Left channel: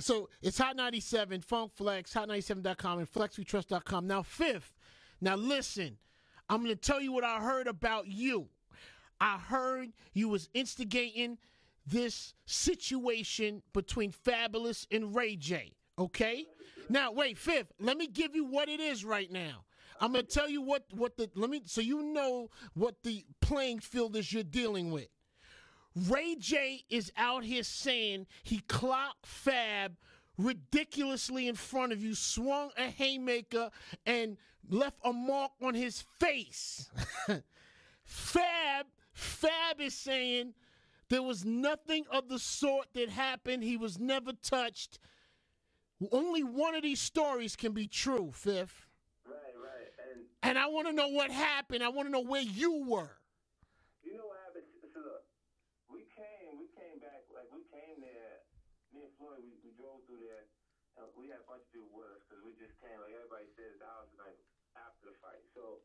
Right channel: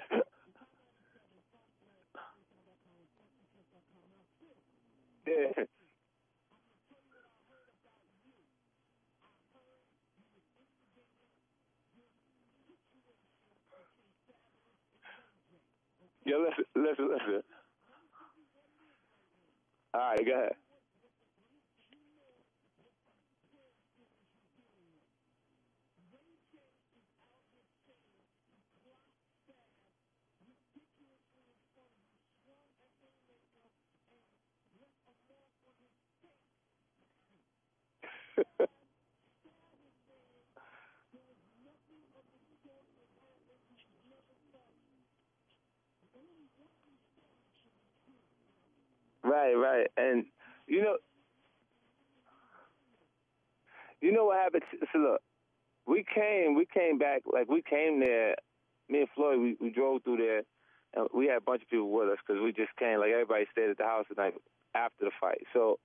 So it's Hot 97, Funk Flex, Hot97.com, and FlexWeTrust.com. Now, Fifth, listen, I'm going to tell you what I heard about you. I heard you was instigating this situation between Fabolous and Ray J. Okay? Yeah, listen. Wait, Fifth, let me give you what it is right now. All I'm going right, to tell you so you know what the playing field is you're dealing with. Ray J is out here saying he clocked Fab ridiculously in front of you, swung a haymaker, and left a mark on his face. Fab is saying there was nothing of the sort that happened. He was never touched. Only one of these stories can be true, Fifth. Right. And I want to know what happened. I want to know where you were. You know what happened? So look, we came back, like we came there, me and Floyd, we drove through there, and we had a bunch of people with us because we just came, like everybody stayed at the house the night after the fight. So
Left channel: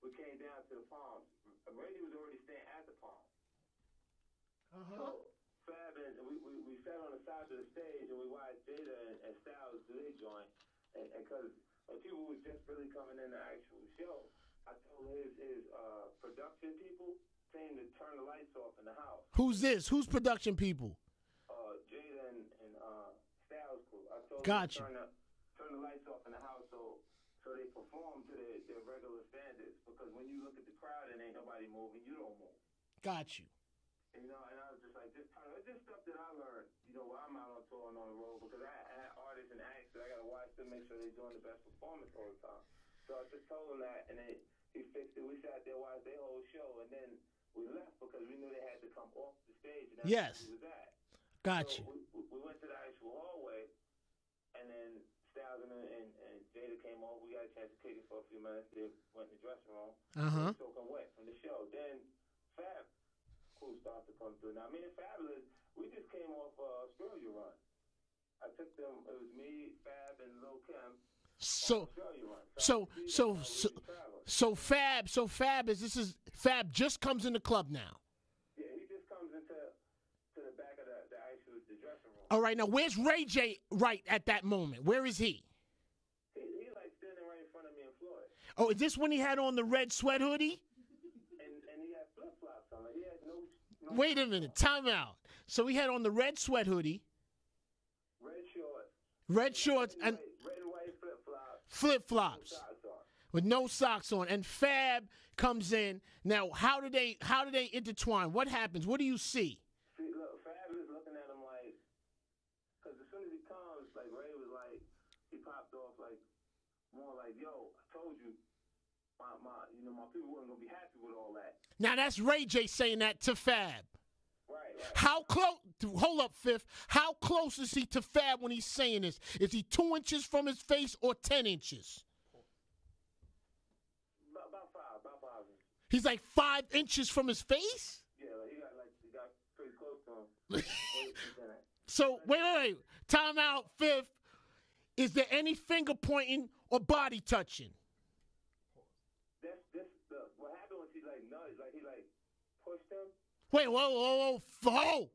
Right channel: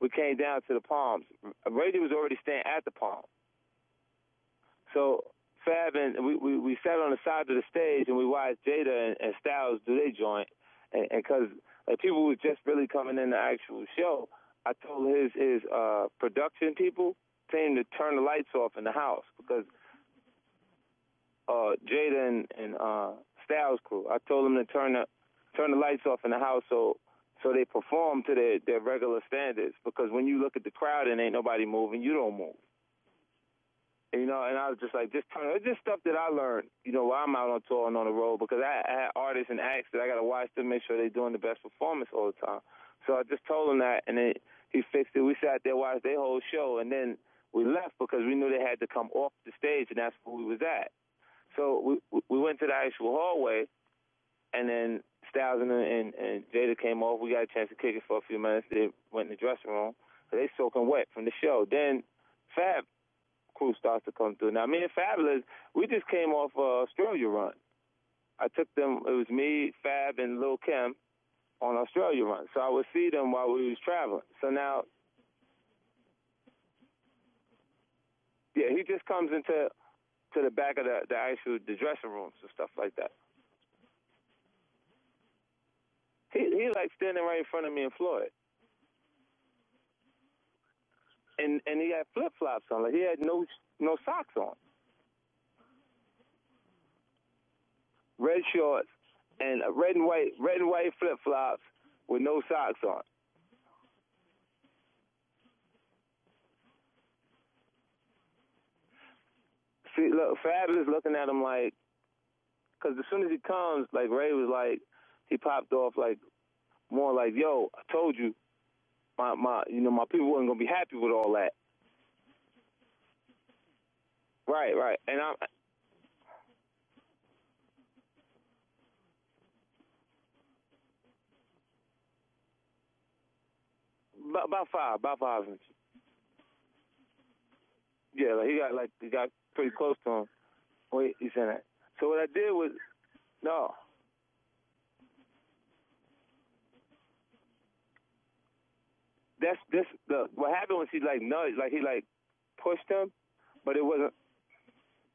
we came down to the Palms. Brady was already staying at the Palms. So Fab and we sat on the side of the stage and we watched Jada and Styles do their joint. And because like, people were just really coming in the actual show, I told his production people to turn the lights off in the house. Who's this? Who's production people? Jada and Styles crew. I told them to turn the lights off in the house so they perform to their regular standards. Because when you look at the crowd and ain't nobody moving, you don't move. Got you. You know, and I was just like, it's just stuff that I learned, you know, while I'm out on tour and on the road, because I had artists and acts that I got to watch them, make sure they're doing the best performance all the time. So I just told him that, and then he fixed it. We sat there, watched their whole show, and then we left because we knew they had to come off the stage, and that's where we was at. Gotcha. So we went to the actual hallway, and then Styles and Jada came off. We got a chance to kick it for a few minutes. They went in the dressing room. They soaking wet from the show. Then Fab crew starts to come through. Now, me and Fabolous, we just came off Australia run. I took them, it was me, Fab, and Lil' Kim on Australia run. So I would see them while we was traveling. So Fab just comes in the club now. Yeah, he just comes into the back of the actual dressing room. All right, now where's Ray J right at that moment? Where is he? He like standing right in front of me and Floyd. Oh, is this when he had on the red sweat hoodie? And he had flip-flops on. Like, he had no Wait socks a minute, on. time out. So he had on the red sweat hoodie. Red shorts. Red and white flip-flops. With no socks on. With no socks on. And Fab comes in. Now, how do they intertwine? What happens? What do you see? See, look, Fab is looking at him like, because as soon as he comes, like Ray was like, he popped off like, more like, yo, I told you, my people weren't gonna be happy with all that. Now that's Ray J saying that to Fab. Right. How close? Hold up, Fifth. How close is he to Fab when he's saying this? Is he 2 inches from his face or 10 inches? About 5 inches. He's like 5 inches from his face. Yeah, like he got pretty close to him. Wait, he's saying that. So wait. Time out, Fifth. Is there any finger pointing or body touching? What happened was he like nudged, like he like pushed him. Wait, whoa.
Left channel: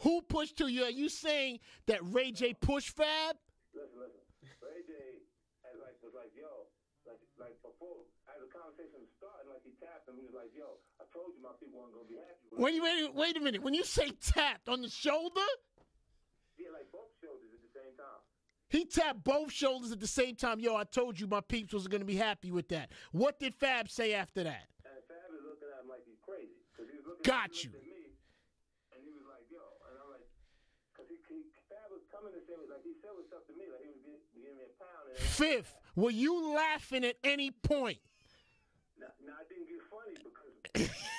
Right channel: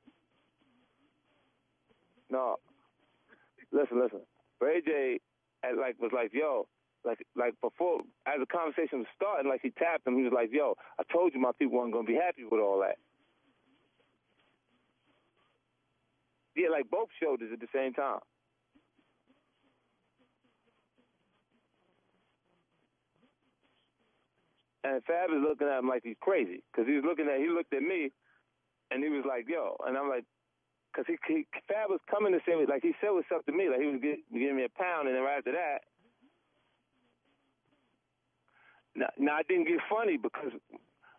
Who pushed to you? Are you saying that Ray J pushed Fab? Listen. Ray J was like, yo, like before, as the conversation was starting, like he tapped him. He was like, yo, I told you my people weren't going to be happy with all that. Wait a minute. When you say tapped, on the shoulder? Yeah, like both shoulders at the same time. He tapped both shoulders at the same time. Yo, I told you my peeps was going to be happy with that. What did Fab say after that? And Fab is looking at him like he's crazy. Because he looked at me, and he was like, yo. And I'm like, because Fab was coming to say, like he said what's up to me. Like he was giving me a pound, and then right after that. Were you laughing at any point? No, I didn't get funny because,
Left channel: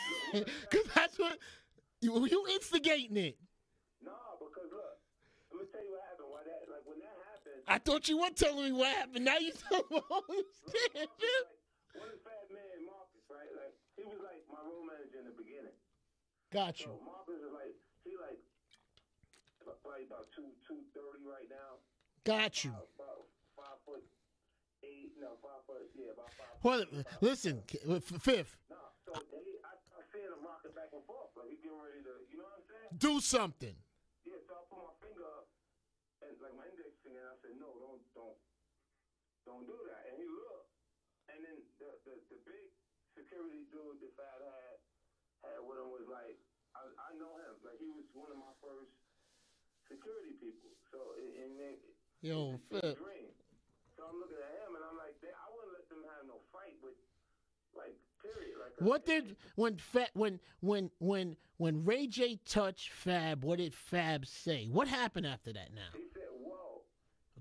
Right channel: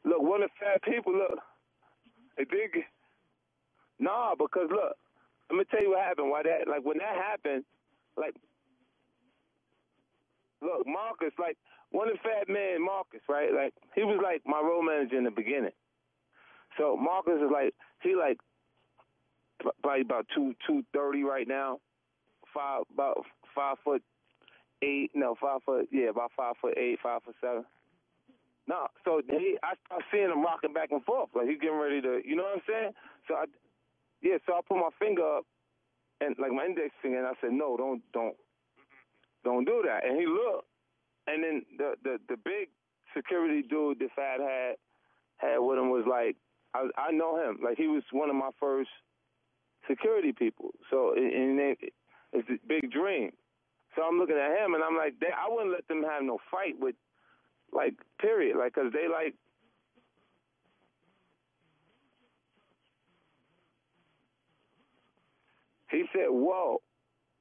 look, one of the Fab people, look. You instigating it. No, because, look. Let me tell you what happened. When that happened, I thought you were telling me what happened. Now you tell me. Look, Marcus, like one of the Fat Man, Marcus, right? Like he was like my role manager in the beginning. Gotcha. So Marcus is like probably about 230 right now. Gotcha. About 5'8". No, 5 foot. Yeah, about 5'8", 5'7". Fifth. No, so I start seeing him rocking back and forth, like he's getting ready to. You know what I'm saying? Do something. Yeah, so I put my finger up, and like my index finger, and I said, no, don't do that. And he looked, and then the big security dude that Fab had with him was like, I know him. Like, he was one of my first security people. So, and it's this big dream. So I'm looking at him, and I'm like, I wouldn't let them have no fight with, like, period. Like, cause when Ray J touched Fab, what did Fab say? What happened after that now? He said, whoa.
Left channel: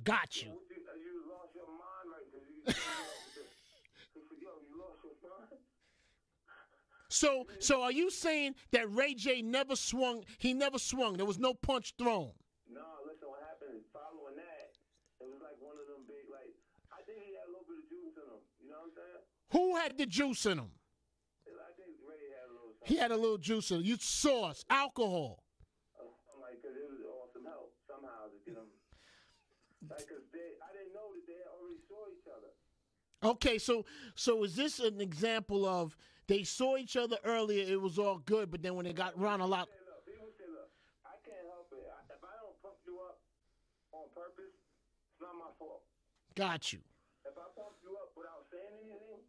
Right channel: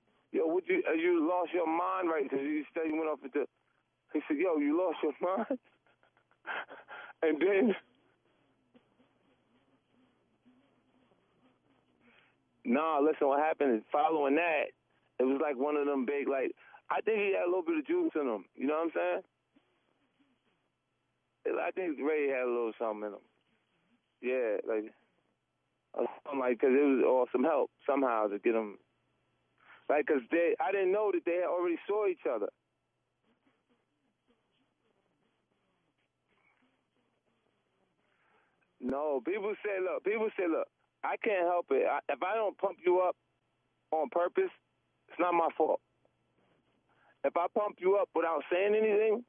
Got you. Yo, you lost your mind, right? Because you said you went off with the... He said, yo, you lost your mind? So are you saying that Ray J never swung? He never swung. There was no punch thrown. Nah, listen, what happened is following that, it was like one of them big, like, I think he had a little bit of juice in him. You know what I'm saying? Who had the juice in him? I think Ray had a little something. He had a little juice in him. You sauce, like, alcohol. Something like, because it was all some help somehow to get him. Like, because I didn't know that they already saw each other. Okay, so is this an example of they saw each other earlier, it was all good, but then when they got around a lot... People say, look, I can't help it. If I don't pump you up on purpose, it's not my fault. Got you. If I pump you up without saying anything,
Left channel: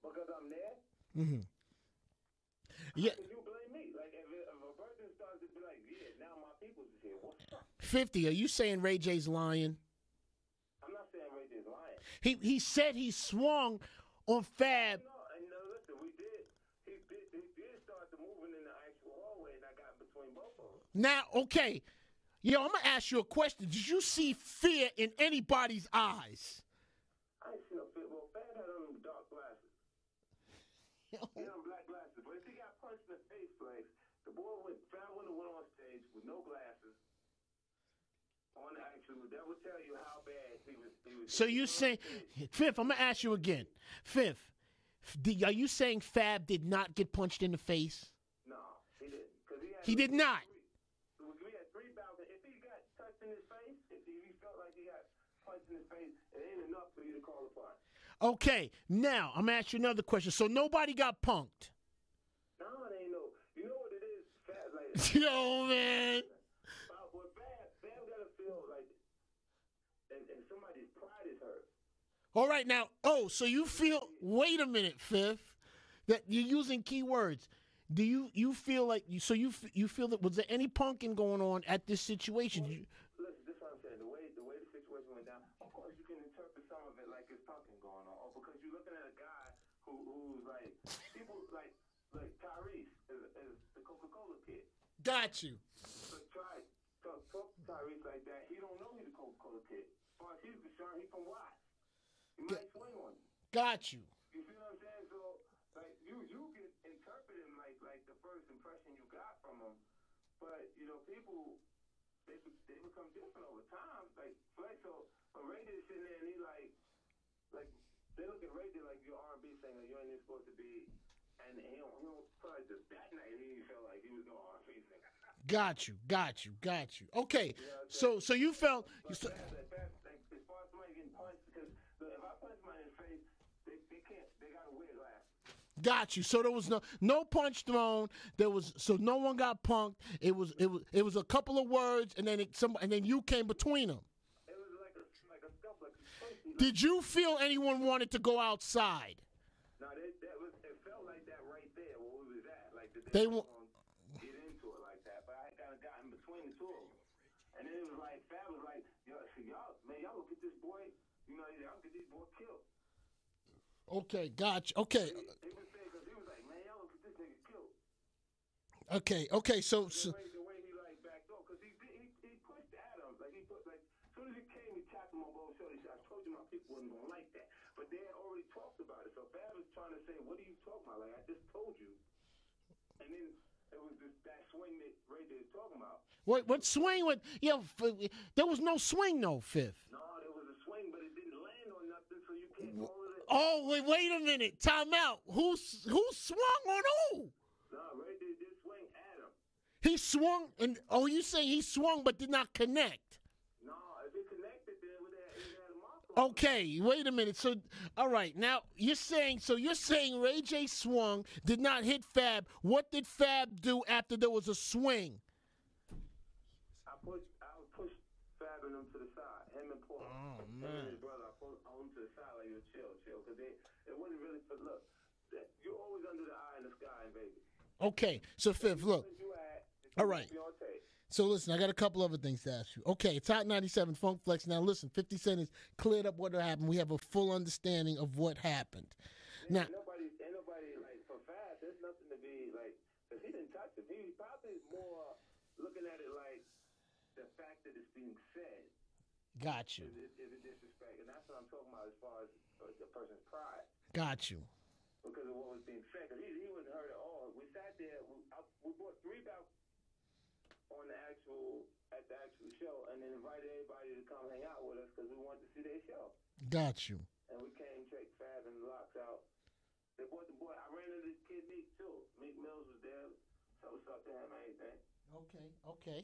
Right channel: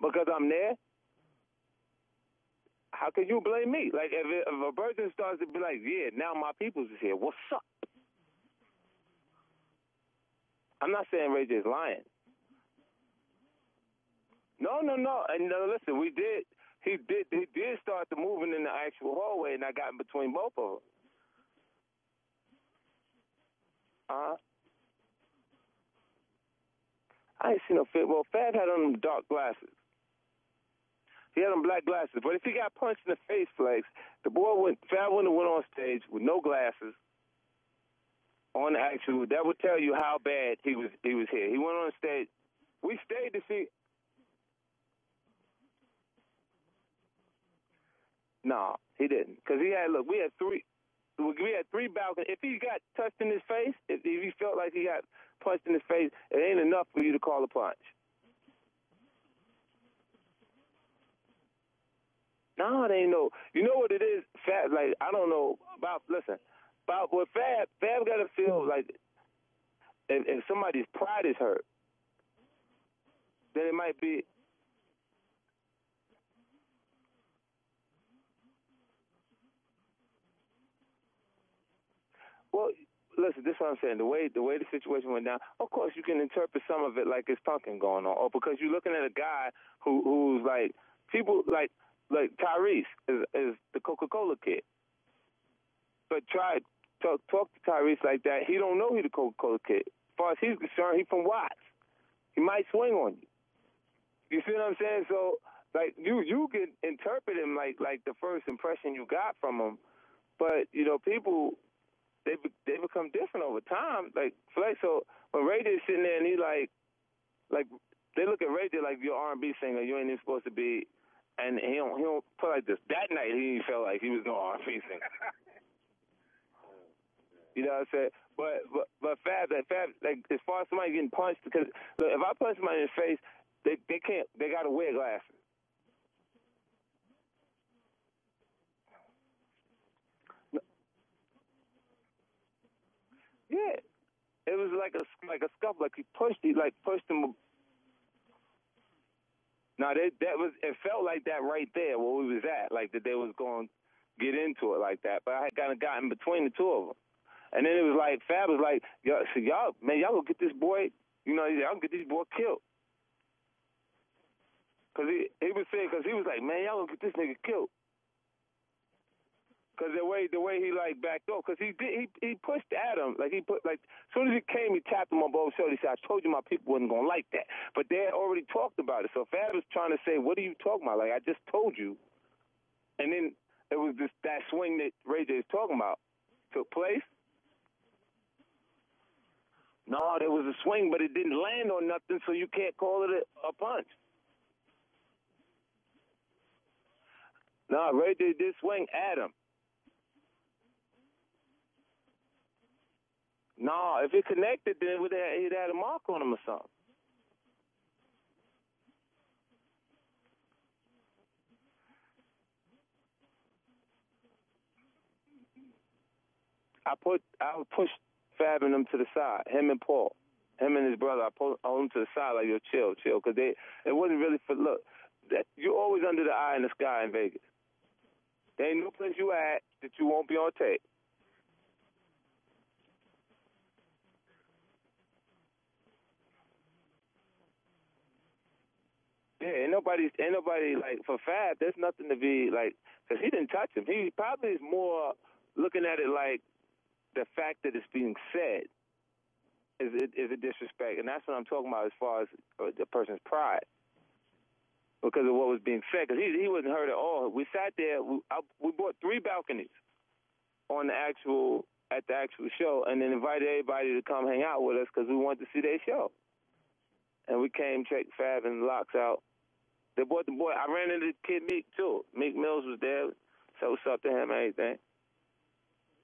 because I'm there, how can you blame me? Like, if a person starts to be like, yeah, now my people's is here, what's up? 50, are you saying Ray J's lying? I'm not saying Ray J's lying. He said he swung on Fab. No. And listen, he did start the moving in the actual hallway, and I got in between both of them. Now, okay. Yo, I'm going to ask you a question. Did you see fear in anybody's eyes? I ain't seen no fear. Well, Fab had on them dark glasses. He had on black glasses. But if he got punched in the face, Flex, Fab wouldn't have went on stage with no glasses on the actual. That would tell you how bad he was here. So you say, on Fifth, I'm going to ask you again. Fifth, are you saying Fab did not get punched in the face? No, he didn't. Because we had three balconies. If he got touched in his face, if he felt like he got punched in his face, it ain't enough for you to call a punch. Okay, now I'm gonna ask you another question. So nobody got punked? No, they ain't no. You know what it is? Fab, like, I don't know. About what Fab got to feel like if somebody's pride is hurt. All right, now, so you feel, wait a minute, Fifth, that you're using key words. Do you feel like, you feel that, was there any punking going on at this situation? Well, listen, this is what I'm saying. The way the situation went down, of course you can interpret some of it like it's punking going on, or because you're looking at a guy who's like, people like Tyrese is the Coca-Cola kid. Got you. But talk to Tyrese like that. He don't know he's the Coca-Cola kid. As far as he's concerned, he's from Watts. He might swing on you. Got you. You see what I'm saying? So, like, you can interpret him like the first impression you got from him, but people they become different over time. Like so when Ray J's sitting there and he like they look at Ray J like you're R&B singer, you ain't even supposed to be, and he don't put like this. That night he felt like he was no R&B singer. Got you. Okay. You know what I'm saying? So you felt, but Fab like as far as somebody getting punched, because look, if I punch somebody in the face, they can't. They gotta wear glasses. Got you. So there was no punch thrown. So no one got punked. It was a couple of words, and then you came between them. It was like a scuffle, like he pushed. Did you feel anyone wanted to go outside? No, it felt like that right there where we was at, like that they was going to get into it like that. But I had kind of gotten between the two of them, and then it was like Fab was like, y'all gonna get this boy, y'all gonna get this boy killed. Okay, gotcha. Okay. He was saying, because he was like, man, y'all gonna get this nigga killed. Okay, so... Because the way he, like, backed off, because he pushed at him, as soon as he came, he tapped him on both shoulders. He said, I told you my people wasn't gonna like that. But they had already talked about it. So Fab was trying to say, what are you talking about? Like, I just told you. And then it was just that swing that Ray J is talking about. What swing? There was no swing, though, Fifth. No, there was a swing, but it didn't land on nothing, so you can't call it a punch. Wait a minute. Time out. Who swung on who? No, Ray J did swing at him. He swung, you saying he swung but did not connect? No, if it connected, then he'd had a mark on him. Okay, wait a minute. So, all right, now you're saying Ray J swung, did not hit Fab. What did Fab do after there was a swing? I would push Fab and them to the side. Him and Paul, him and his brother. I pulled them to the side like, yo, chill, because it wasn't really for look. That you're always under the eye in the sky in Vegas. Okay, so Ain't no look, place you at that you won't be on tape. So listen, I got a couple other things to ask you. Okay, it's Hot 97 Funk Flex. Now listen, 50 Cent has cleared up what happened. We have a full understanding of what happened. Yeah, now, ain't nobody like for Fab. There's nothing to be like because he didn't touch him. He probably is more looking at it like the fact that it's being said. Got you. Is a disrespect, and that's what I'm talking about as far as the person's pride. Got you. Because of what was being said, because he wasn't hurt at all. We sat there. We bought 3 balconies at the actual show, and then invited everybody to come hang out with us because we wanted to see their show. Got you. And we came, checked Fab and Locks out. They brought the boy. I ran into the kid Meek too. Meek Mills was there. So what's up to him and everything. Okay.